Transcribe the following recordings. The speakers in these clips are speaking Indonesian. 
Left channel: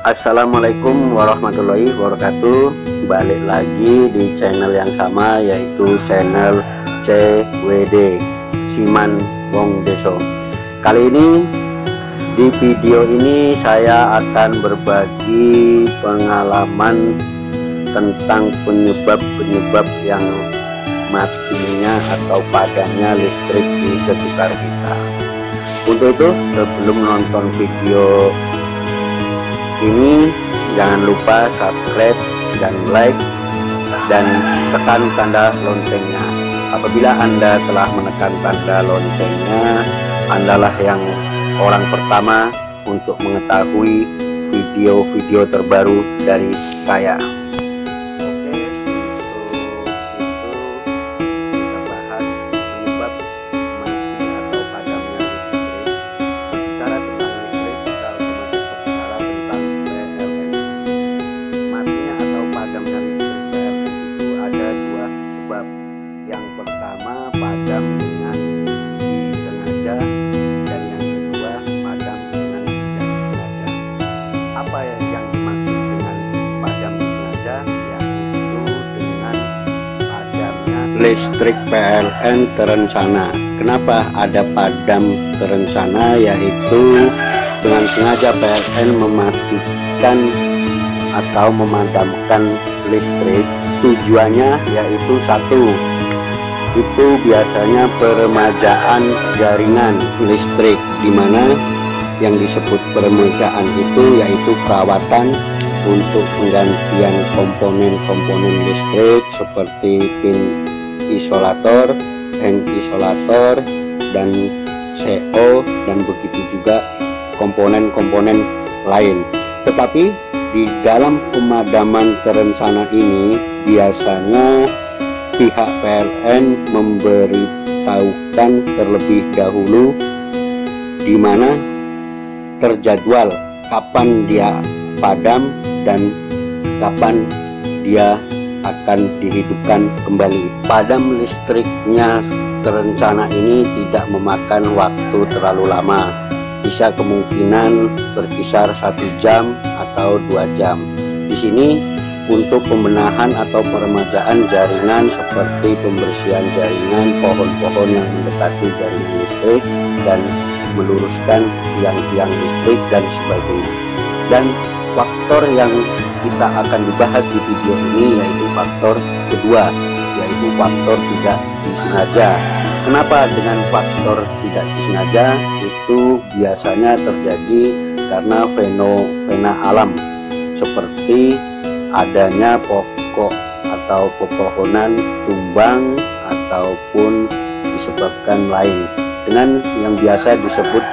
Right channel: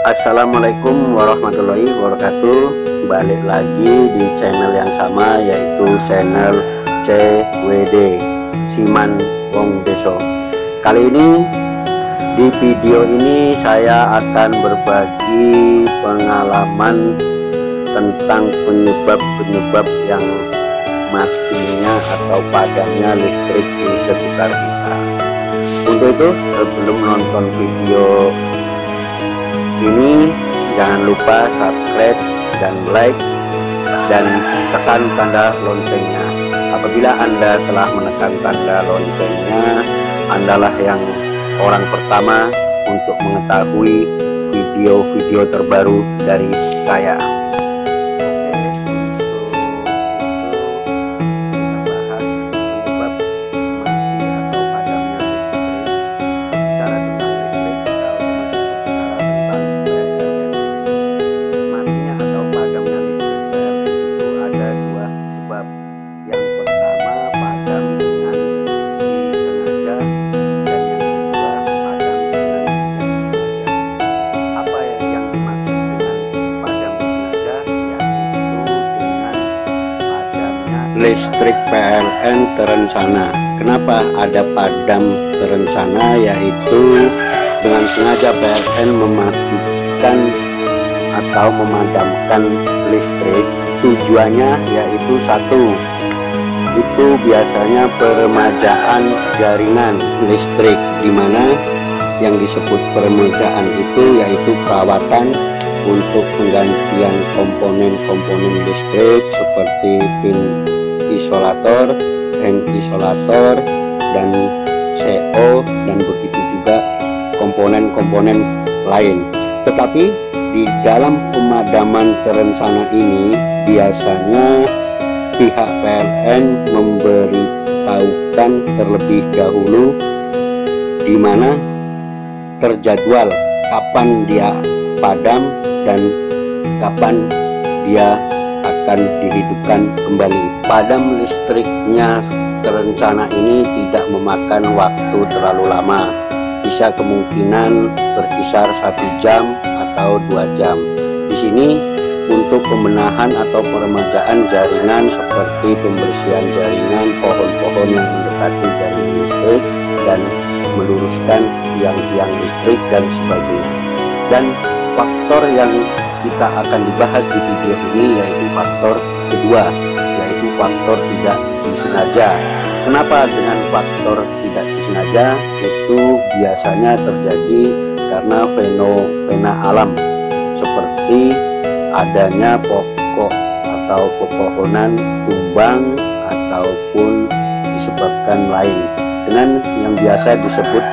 Assalamualaikum warahmatullahi wabarakatuh. Balik lagi di channel yang sama, yaitu channel CWD Siman Wong Deso. Kali ini di video ini saya akan berbagi pengalaman tentang penyebab-penyebab yang matinya atau padamnya listrik di sekitar kita. Untuk itu, sebelum nonton video ini, jangan lupa subscribe dan like dan tekan tanda loncengnya. Apabila Anda telah menekan tanda loncengnya, Andalah yang orang pertama untuk mengetahui video-video terbaru dari saya. Oke, untuk itu kita bahas penyebab mati atau padamnya listrik. Berbicara tentang listrik, kita otomatis berbicara tentang PLN. Matinya atau padamnya listrik PLN itu ada dua sebab. Yang pertama, padam dengan disengaja, dan yang kedua, padam dengan tidak disengaja. Apa yang dimaksud dengan padam disengaja? Yaitu dengan padamnya listrik PLN terencana. Kenapa ada padam terencana? Yaitu dengan sengaja PLN mematikan atau memadamkan listrik. Tujuannya yaitu satu, itu biasanya peremajaan jaringan listrik, di mana yang disebut peremajaan itu yaitu perawatan untuk penggantian komponen-komponen listrik seperti pin isolator, hang isolator, dan CO, dan begitu juga komponen-komponen lain. Tetapi di dalam pemadaman terencana ini biasanya pihak PLN memberitahukan terlebih dahulu di mana terjadwal kapan dia padam dan kapan dia akan dihidupkan kembali. Padam listriknya terencana ini tidak memakan waktu terlalu lama, bisa kemungkinan berkisar 1 jam atau 2 jam. Di sini untuk pembenahan atau peremajaan jaringan seperti pembersihan jaringan, pohon-pohon yang mendekati jaringan listrik, dan meluruskan tiang-tiang listrik dan sebagainya. Dan faktor yang kita akan dibahas di video ini yaitu faktor kedua, yaitu faktor tidak disengaja. Kenapa dengan faktor tidak disengaja? Itu biasanya terjadi karena fenomena alam seperti adanya pokok atau pepohonan tumbang ataupun disebabkan lain, dengan yang biasa disebut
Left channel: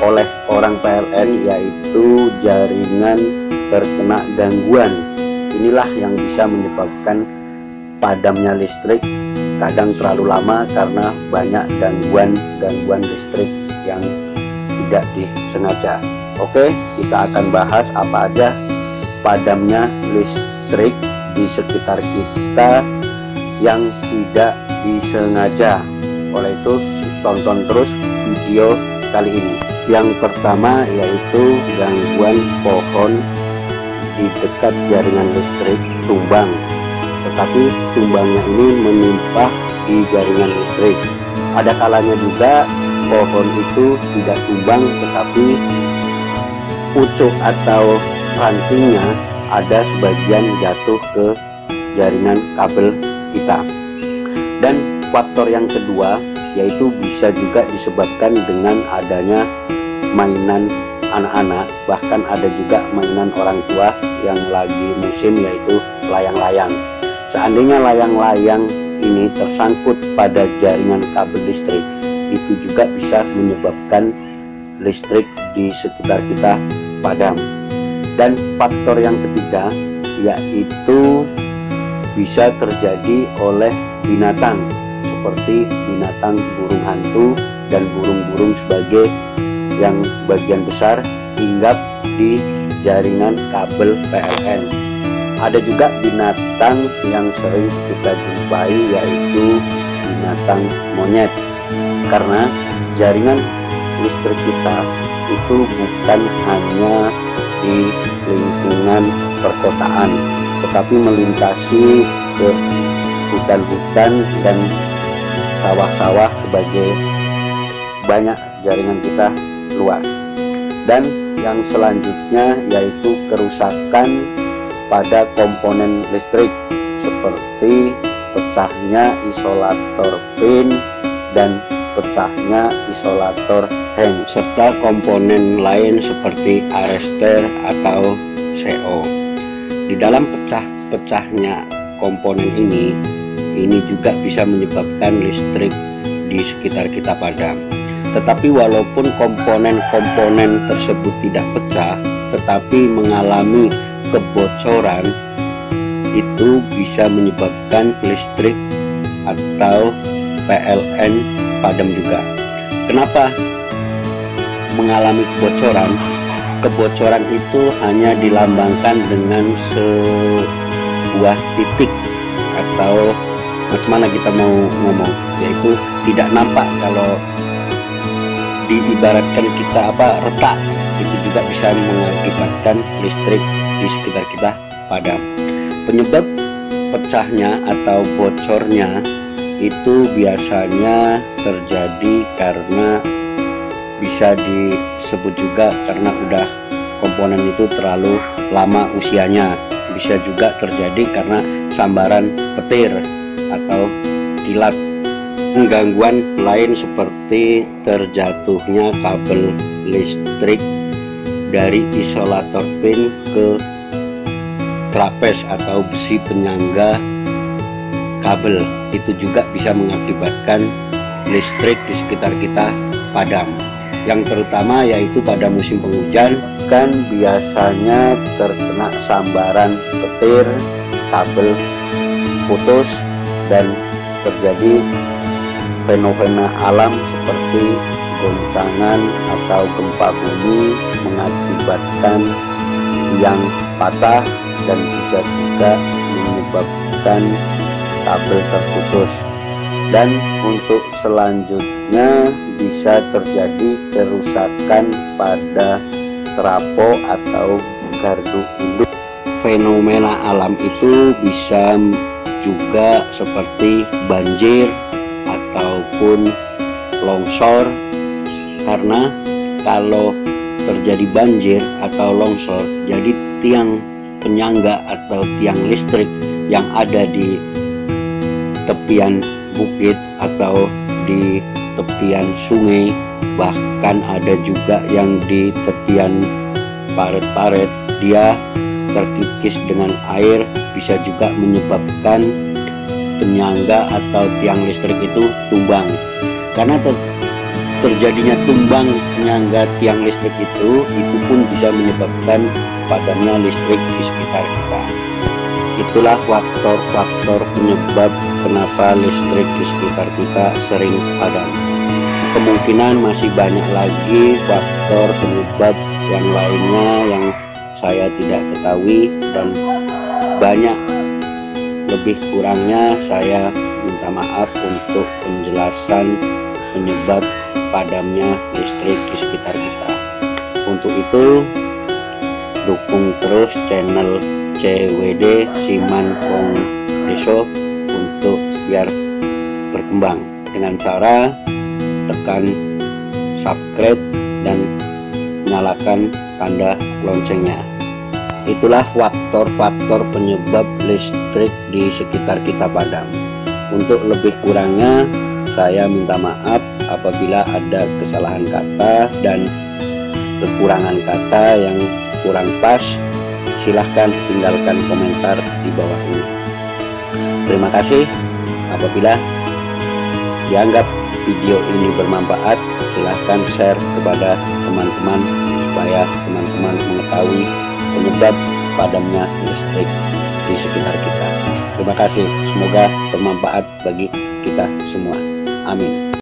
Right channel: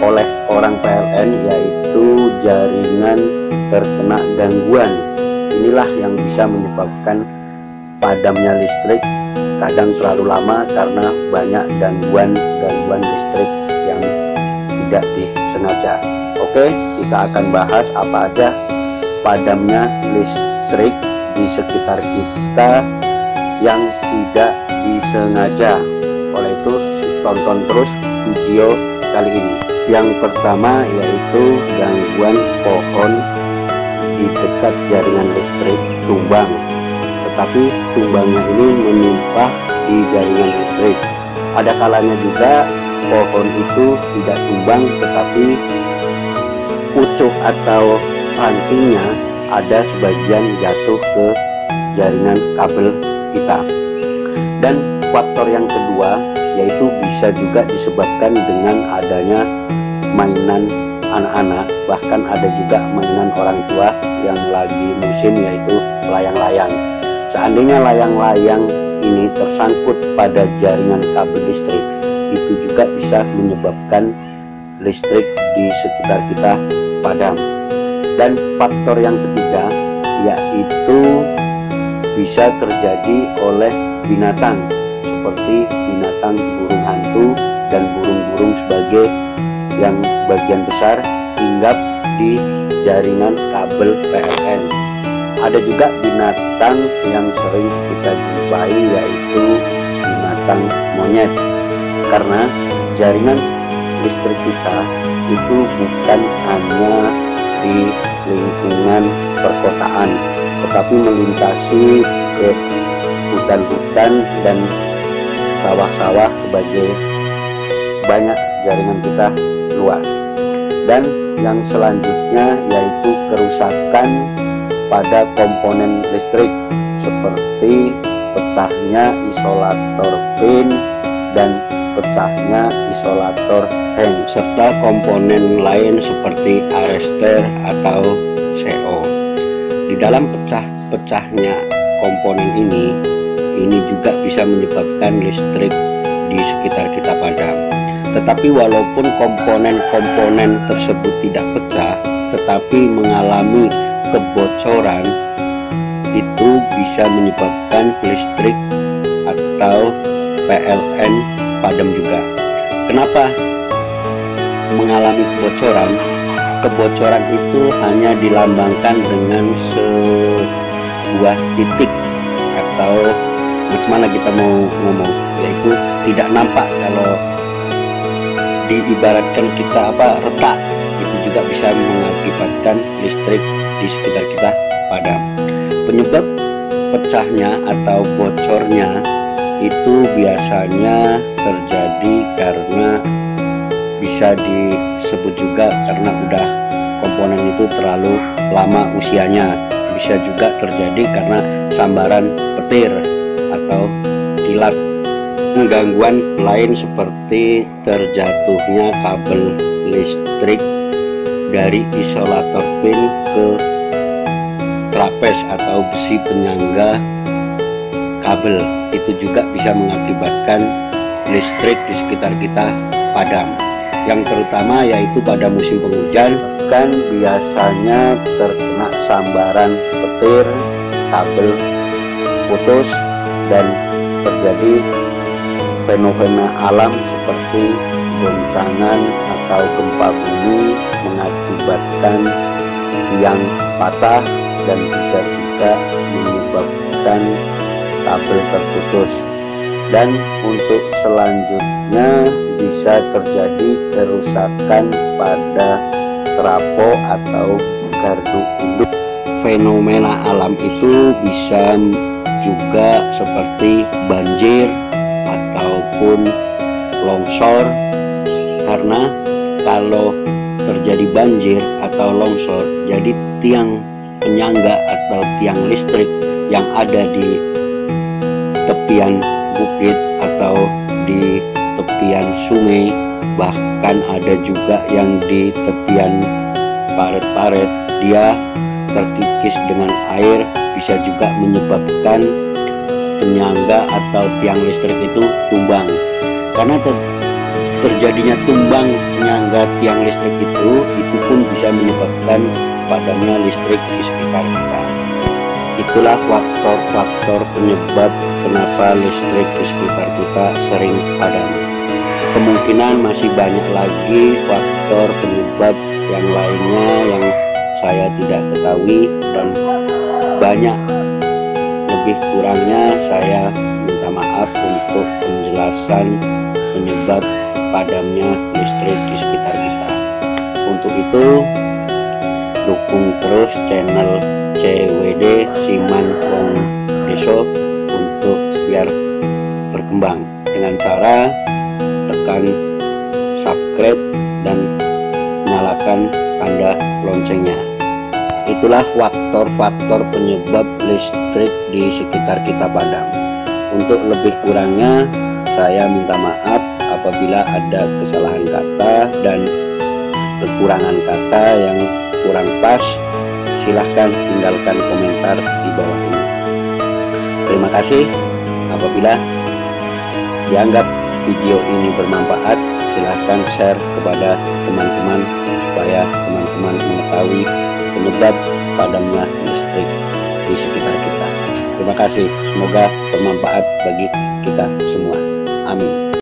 oleh orang PLN yaitu jaringan terkena gangguan. Inilah yang bisa menyebabkan padamnya listrik kadang terlalu lama karena banyak gangguan listrik yang tidak disengaja. Oke, kita akan bahas apa aja padamnya listrik di sekitar kita yang tidak disengaja. Oleh itu, tonton terus video kali ini. Yang pertama yaitu gangguan pohon di dekat jaringan listrik tumbang, tetapi tumbangnya ini menimpa di jaringan listrik. Ada kalanya juga pohon itu tidak tumbang, tetapi pucuk atau rantingnya ada sebagian jatuh ke jaringan kabel kita. Dan faktor yang kedua yaitu bisa juga disebabkan dengan adanya mainan anak-anak, bahkan ada juga mainan orang tua yang lagi musim, yaitu layang-layang. Seandainya layang-layang ini tersangkut pada jaringan kabel listrik, itu juga bisa menyebabkan listrik di sekitar kita padam. Dan faktor yang ketiga yaitu bisa terjadi oleh binatang seperti binatang burung hantu dan burung-burung sebagai yang bagian besar hinggap di jaringan kabel PLN. Ada juga binatang yang sering kita jumpai yaitu binatang monyet, karena jaringan listrik kita itu bukan hanya di lingkungan perkotaan, tetapi melintasi ke hutan-hutan dan sawah-sawah sebagai banyak jaringan kita luas. Dan yang selanjutnya yaitu kerusakan pada komponen listrik seperti pecahnya isolator pin dan pecahnya isolator hang, serta komponen lain seperti arrester atau CO. Di dalam pecahnya komponen ini juga bisa menyebabkan listrik di sekitar kita padam. Tetapi walaupun komponen-komponen tersebut tidak pecah, tetapi mengalami kebocoran, itu bisa menyebabkan listrik atau PLN padam juga. Kenapa mengalami kebocoran? Kebocoran itu hanya dilambangkan dengan sebuah titik, atau macam mana kita mau ngomong, yaitu tidak nampak. Kalau diibaratkan kita retak, itu juga bisa mengakibatkan listrik di sekitar kita padam. Penyebab pecahnya atau bocornya itu biasanya terjadi karena, bisa disebut juga karena udah komponen itu terlalu lama usianya. Bisa juga terjadi karena sambaran petir atau kilat. Gangguan lain seperti terjatuhnya kabel listrik dari isolator pin ke trapez atau besi penyangga kabel, itu juga bisa mengakibatkan listrik di sekitar kita padam. Yang terutama yaitu pada musim penghujan, kan biasanya terkena sambaran petir, kabel putus, dan terjadi fenomena alam seperti goncangan atau gempa bumi mengakibatkan tiang patah dan bisa juga menyebabkan kabel terputus. Dan untuk selanjutnya bisa terjadi kerusakan pada trafo atau gardu induk. Fenomena alam itu bisa juga seperti banjir ataupun longsor, karena kalau terjadi banjir atau longsor, jadi tiang penyangga atau tiang listrik yang ada di tepian bukit atau di tepian sungai, bahkan ada juga yang di tepian paret-paret, dia terkikis dengan air, bisa juga menyebabkan penyangga atau tiang listrik itu tumbang. Karena terjadinya tumbang penyangga tiang listrik itu pun bisa menyebabkan padamnya listrik di sekitar kita. Itulah faktor-faktor penyebab kenapa listrik di sekitar kita sering padam. Kemungkinan masih banyak lagi faktor penyebab yang lainnya yang saya tidak ketahui, dan banyak lebih kurangnya saya minta maaf untuk penjelasan penyebab padamnya listrik di sekitar kita. Untuk itu, dukung terus channel CWD Siman Wong Deso untuk biar berkembang dengan cara tekan subscribe dan nyalakan tanda loncengnya. Itulah faktor-faktor penyebab listrik di sekitar kita padam. Untuk lebih kurangnya saya minta maaf apabila ada kesalahan kata dan kekurangan kata yang kurang pas. Silahkan tinggalkan komentar di bawah ini. Terima kasih. Apabila dianggap video ini bermanfaat, silahkan share kepada teman-teman supaya teman-teman mengetahui penyebab padamnya listrik di sekitar kita. Terima kasih, semoga bermanfaat bagi kita semua. Amin.